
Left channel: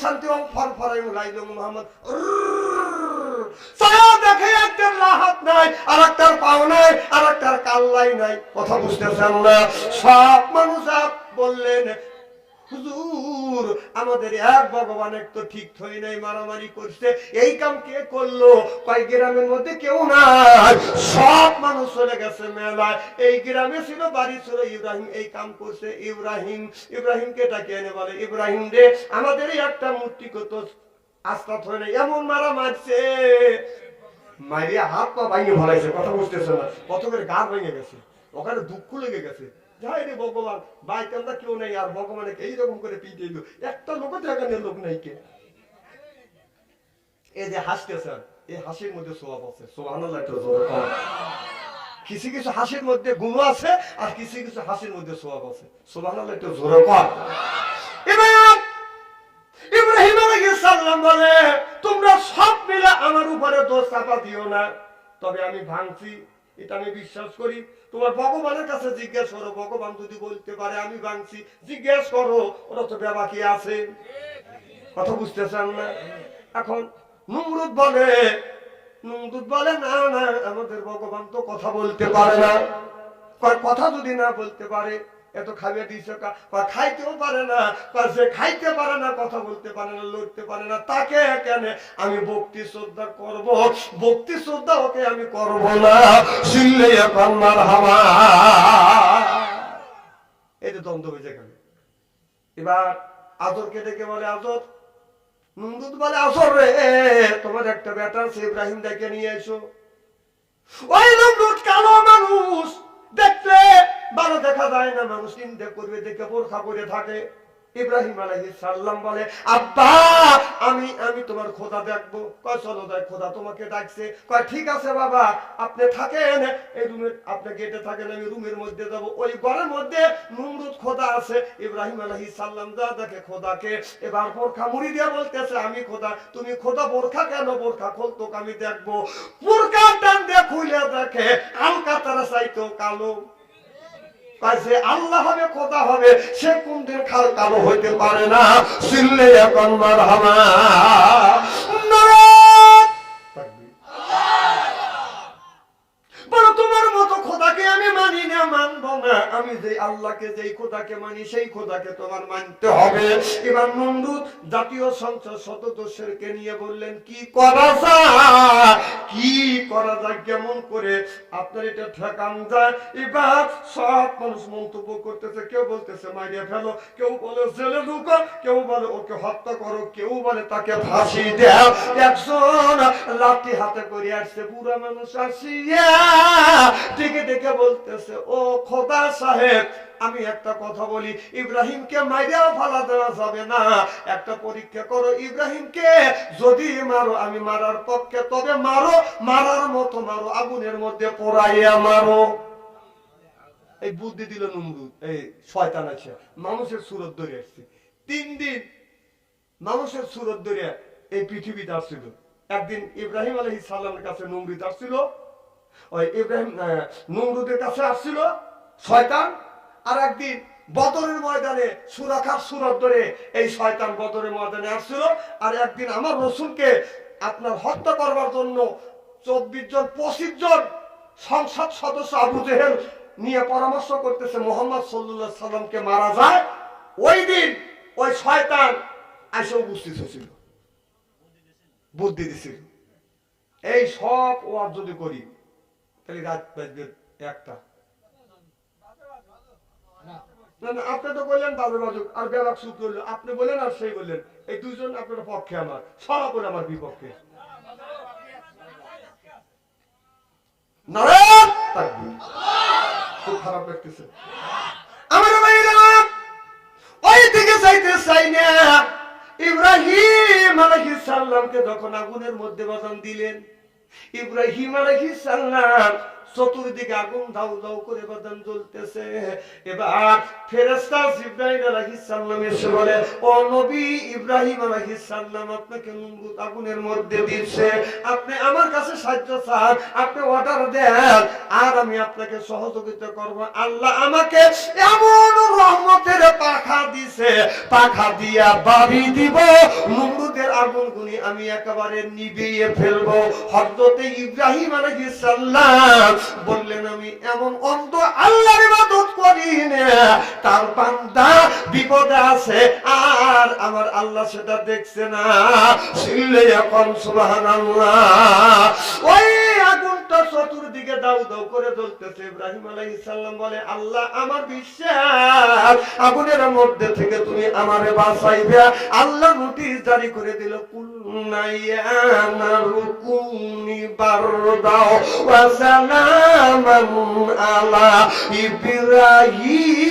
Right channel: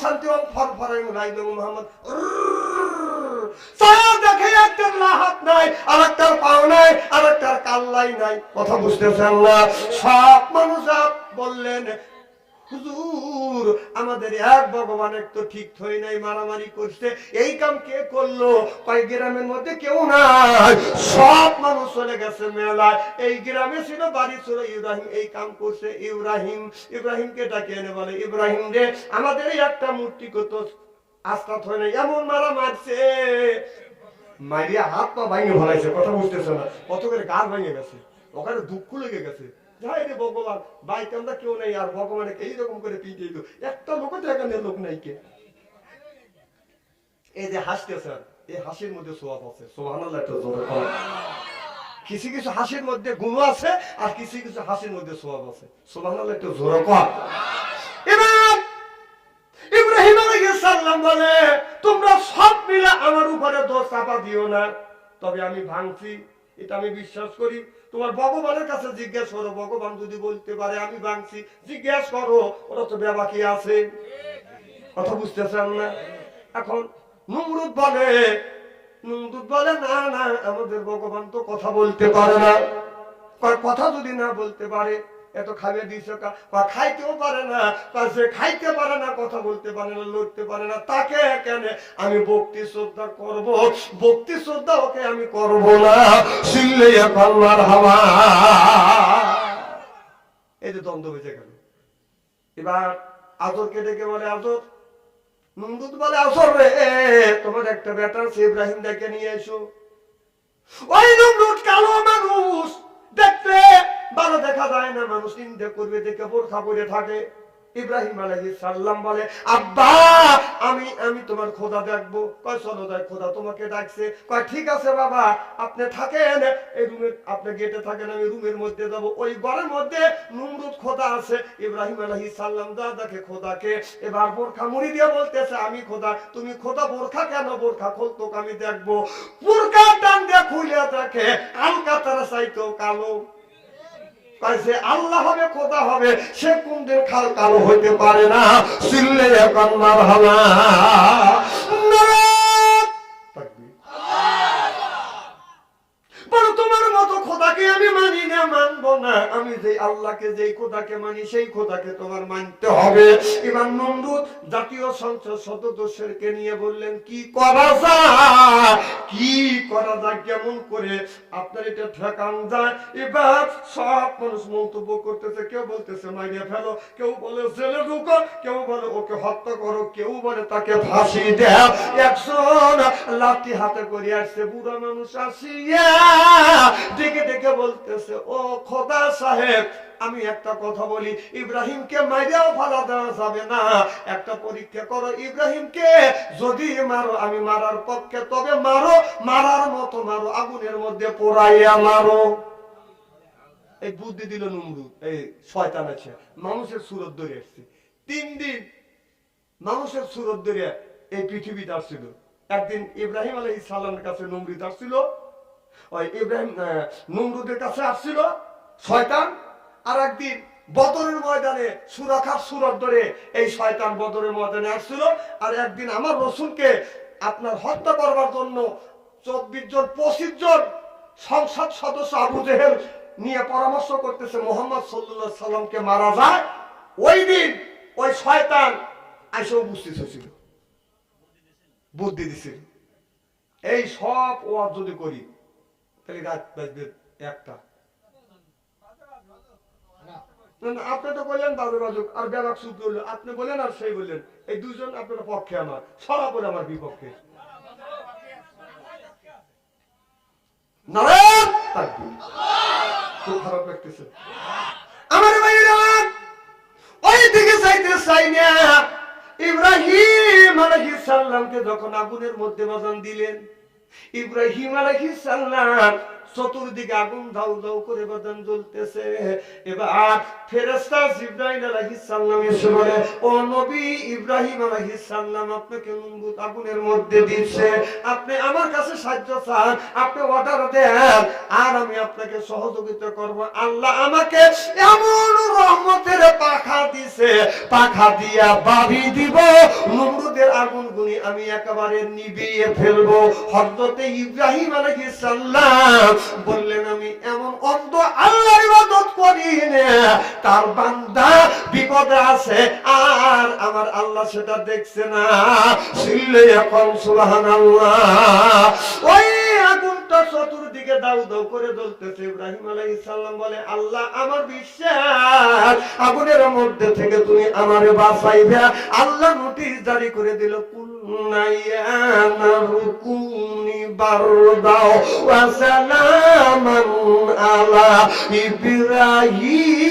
শান্তি অং ফর ফরাই লাইলং মোহাম্মদ। দেখে একটার হাত নাই, আর একটার পাও নাই, আর একটার কাল্লাই নাই। কথা বুঝতেছেন না? সব মানুষ বললেন, হুজুর আমাদের এক ভগবান এক তো ঠিক থই নাই, মারামারি করছে, এই কাম কে করলো? কয় গ্রামের মধ্যে কেউ নাই, সব মানুষ চলে গেছে মেলায়। এই গ্রামে ছিল, বাড়ি ছিল ইব্রাহিম, এই কাম করছে ইব্রাহিমকে ডাকে এনে বলে, ইব্রাহিম রে আমাদের একটা মূর্তি কত আস্থা হয় না, এমন মারা মারছে, মারিয়া হাত পা ভাঙে ফেলাইছে। কথা বুঝতেছে না? কত করে গা ভেঙে গেছে, ওখানে দুঃখ লেগে গেছে। যাই রে ভগবান, বাইতে আমরা কেউ নাই, আর ভগবানকে এইরকম করে পিটে দিল, একটা লোক এখানে লোক নাই কে? এই যে হাসতেছেন, এই হাসির মধ্যে সোয়াব আছে। সুবহানাল্লাহ। কিছু কিছু হাসির মধ্যে গুণ আছে, আর কিছু কিছু হাসির মধ্যে সোয়াব আছে। সুবহানাল্লাহ, একটু জোরে কর। এবার ইব্রাহিম আলাইহিস সালাম বলে, তোমরা সব মিলে আমার উপরে দোষ চাপা দিও না, তবে আমি ভাঙছি, এটা আমি বিশ্বাস করি। তোমার ভগবানের কাছে জিজ্ঞেস করো, ভগবান যদি বলতে পারে আমি ভাঙছি, জিজ্ঞেস করো, ওরা তো বাকি আছে। কথা বুঝতেছেন না? এখন নমরুদ বলে না না, আমাদের ভগবান তো কথা বলতে পারে না। কথা যদি না বলতে পারে, এত খাইয়ে দিয়েছে, খাইতেও পারে না, সে খাইতে পারে না, কথা বলতে পারে না, লড়তে পারে না, তাকে কেন আমি ভক্তি শ্রদ্ধা করব? ভক্তি শ্রদ্ধা ওকে আমি করব না। শিল্লে এখন মার হাওয়া, এই যে দ্বন্দ্ব বেজে গেল। এবার আজরকে ডেকে বলে, আজর, নমরুদ বলে, আজর রে তোমার একটা বেটা আছে, ইব্রাহিম ডেকে নিয়ে এসো। ওই নমরুদ কালো মানুষ, দেখলে ভালো দেখা যায় না, মানুষ চিন্তা করবে দেখে বোরখা পরে থাকে। ইব্রাহিম আলাইহিস সালাম বলে, আব্বা আমি তোমার খোদা দেখবো। কয় চলো যাই, খোদা তোমাকে ডাকছে। কয় ঠিক আছে বাবা, আপনি থাকেন এই রুমের, আপনি গেটে থাকেন, আমি রুমের মধ্যে যাব। ওই ঘরের মধ্যে নমরুদ খোদা আছে। ইব্রাহিম আলাইহিস সালাম যা দেখে খোদাকে, এবার বোরখা মুড়ি দিয়ে বলতেছে, আমি খোদা, তুমি খোদা বোরখা কেন? বোরখা খোলতো আমি দেখবো। বোরখা টান দিয়ে খুলে দেখে আলকাতারা চাইতো কালো। কাছে আল্লাহ হবে, খোদা হবে, সে কোনদিন কালো হইতে পারে না। সিল্লে এখন মার হাওয়া। বলো তোমার মতো খোদাকে আমি মানি না, মানবো না। আমি যে আল্লাহকে, যেই খোদাকে মানি, সেই খোদাকে তোমার মানতে হবে। এবার নমরুদ জাতীয় সংসদ সদস্যকে নিয়ে বললেন, কি করা যায়, কি করা যায়, কেমন করে আপনার এটা ঠেকান যায়? এবার সব মানুষ মন্তব্য করতেছে, কেউ বলতেছে মারিয়া ফেলো, কেউ বলে জেলে ঢুকো, কেউ বলে ওকে হত্যা করো, কেউ বলে তাকে ফাঁসি দাও। একজন লাঠি হাতে করে আসছে, বুড়া মানুষ আসিয়া ডেকে ডেকে বলতেছে, ও খোদা সাহেব, আমি একটা কথা বলি, ইব্রাহিমকে মারিয়াও ফালা দেওয়া যাবে না। একটা পরীক্ষা করো, ইব্রাহিমকে যদি মারো আমি মারার পক্ষে, তবে মারো, মারার মতো মারো, আগুনের মধ্যে পোড়াইয়া মারো। এই বুদ্ধি দিল নমরুদ, এই শয়তান আছে, মানুষের সুরত ধরে আসছে। 3 দিন মানুষের সুরত ধরে এই পৃথিবীতে আসছিল। একদিন ইব্রাহিম আলাইহিস সালামের কাছে নমরুদ আসছিল, ওই ইব্রাহিম নমরুদের কাছে আসছিল শয়তান। আর একদিন বদরের ময়দানে সুরাখার সুরত ধরে এই শয়তান বদরের ময়দানে আসছিল। আর একদিন আমার রসুলকে আপনার হত্যা করবার জন্য 24 জন 25 জন সংসদ সদস্য আবু জেহেল নিয়ে পরামর্শ করতেছে মোহাম্মদ সাল্লাল্লাহু আলাইহি সাল্লামকে মারা যায়। ওই দিন ওই শয়তান এসে উপস্থিত হয়েছিল, বুদ্ধি দিছিল। এই সব ওয়াজ যদি করি তাহলে রাত বাজবে 1টা। আপনি তো বললেন বাজে বাজুক, আর বেবাক চুপ করলো, আপনি বললেন আর সেই বললেন, এই দুজন আপনার পক্ষে, আমার সব বলে আমার বিপক্ষে। নারায়ণ তাকবীর। খুব খারাপ লাগতেছে আমার ভাইয়েরা। ওই দিকে যাইতে চাই না। ইব্রাহিম আলাইহিস সালামকে যখন আগুনের মধ্যে বাজান দিলেন, ইব্রাহিম আলাইহিস সালাম চতুর্দিকে আগুন দাউ দাউ করে বাদান জ্বলতেছে। এবার ফেরেশতা জিবরাইল আলাইহিস সালাম এসে বলে, ও নবী ইব্রাহিম আলাইহিস সালাম আপনাকে নমরুদ আগুনের মধ্যে দিচ্ছে, আপনি আমার কাছে সাহায্য চান, আপনি অর্ডার দেন, আর আমি আপনাকে সহযোগিতা করব। আল্লাহ আমাকে এমন রহমতের পাখা দিছে, পাখা দিয়া বাড়ি দিব, নমরুদের আগুনগুনি আমি একেবারে নিভিয়ে ফেলবো। হযরতে ইব্রাহিম আলাইহিস সালাম বললেন, আমি এমন অন্ধ আল্লাহর ইবাদত করি না, তার বান্দা বিপদে আছে আর আমার আল্লাহ সেটা দেখছে না। সিল্লে এখন সুবহানাল্লাহ। ওই আগুনটা চতুর্দিকে দাউ দাউ করে জ্বলতেছে। ইব্রাহিম আলাইহিস সালাম বলে, আল্লাহ আমার বিশ্বাস, আগুনের মধ্যে থেকে তুমি আমারে বাঁচাইবে। আল্লাহ নোটিশ জারি করে দিল, কুলনাইয়া নারুকুনি বারদাও ওয়া সালামান আলা ইব্রাহিম